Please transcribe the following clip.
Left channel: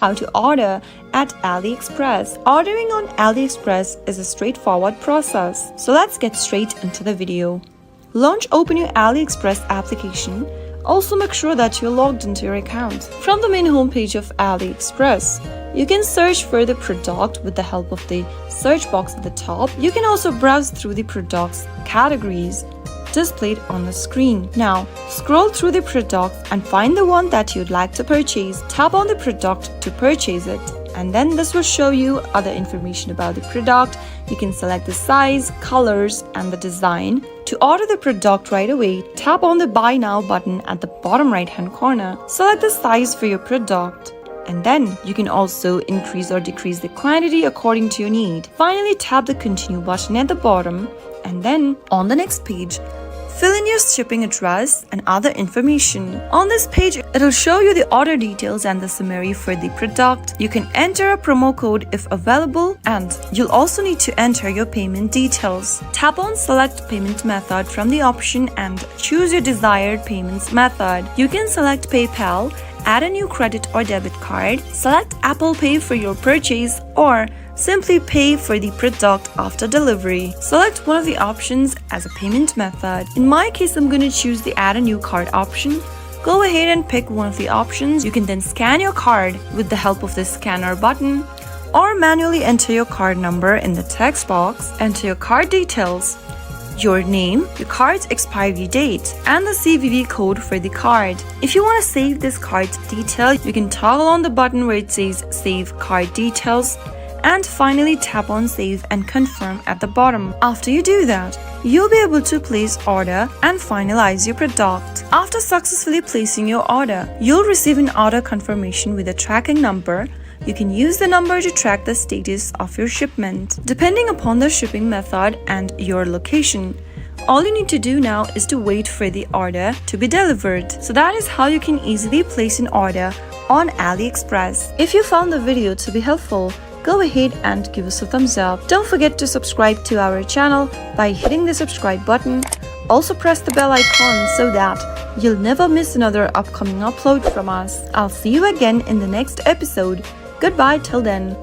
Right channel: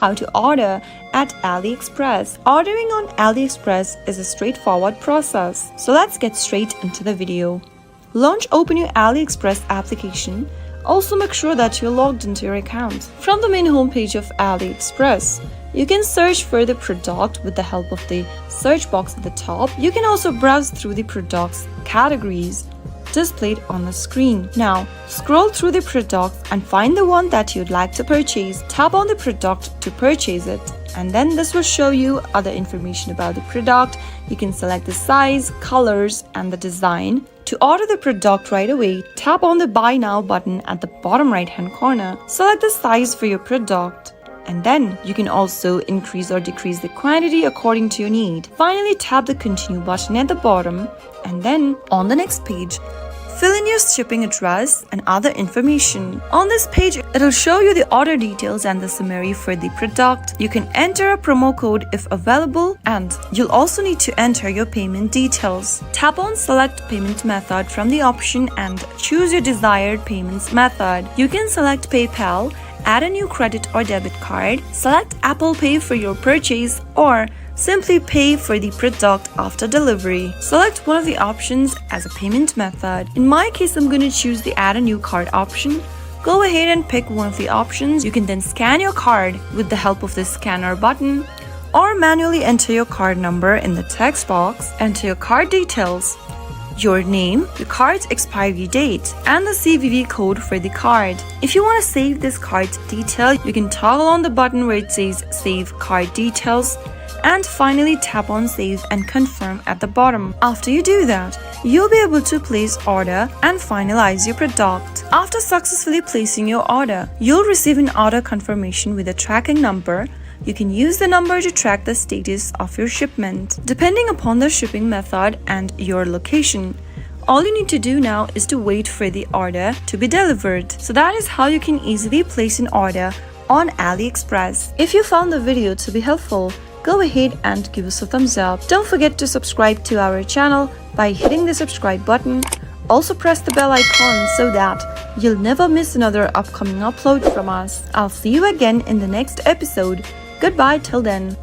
how to order at AliExpress. Ordering on AliExpress is a straightforward process. So let's get straight into the video. Open your AliExpress application. Also make sure that you're logged into your account. From the main homepage of AliExpress, you can search for the product with the help of the search box at the top. You can also browse through the product's categories displayed on the screen. Now, scroll through the product and find the one that you'd like to purchase. Tap on the product to purchase it, and then this will show you other information about the product. You can select the size, colors, and the design. To order the product right away, tap on the Buy Now button at the bottom right-hand corner. Select the size for your product, and then you can also increase or decrease the quantity according to your need. Finally, tap the Continue button at the bottom, and then on the next page, fill in your shipping address and other information. On this page, it'll show you the order details and the summary for the product. You can enter a promo code if available, and you'll also need to enter your payment details. Tap on Select Payment Method from the option and choose your desired payments method. You can select PayPal, add a new credit or debit card, select Apple Pay for your purchase, or simply pay for the product after delivery. Select one of the options as a payment method. In my case, I'm going to choose the Add a New Card option. Go ahead and pick one of the options. You can then scan your card with the help of the scanner button, or manually enter your card number in the text box. Enter your card details, your name, the card's expiry date, and the CVV code for the card. If you want to save this card's detail, you can toggle on the button where it says Save Card Details, and finally tap on Save and Confirm at the bottom. After you do that, you'll be able to place order and finalize your product. After successfully placing your order, you'll receive an order confirmation with a tracking number. You can use the number to track the status of your shipment. Depending upon the shipping method and your location, all you need to do now is to wait for the order to be delivered. So that is how you can easily place an order on AliExpress. If you found the video to be helpful, go ahead and give us a thumbs up. Don't forget to subscribe to our channel by hitting the subscribe button. Also press the bell icon so that you'll never miss another upcoming upload from us. I'll see you again in the next episode. Goodbye till then.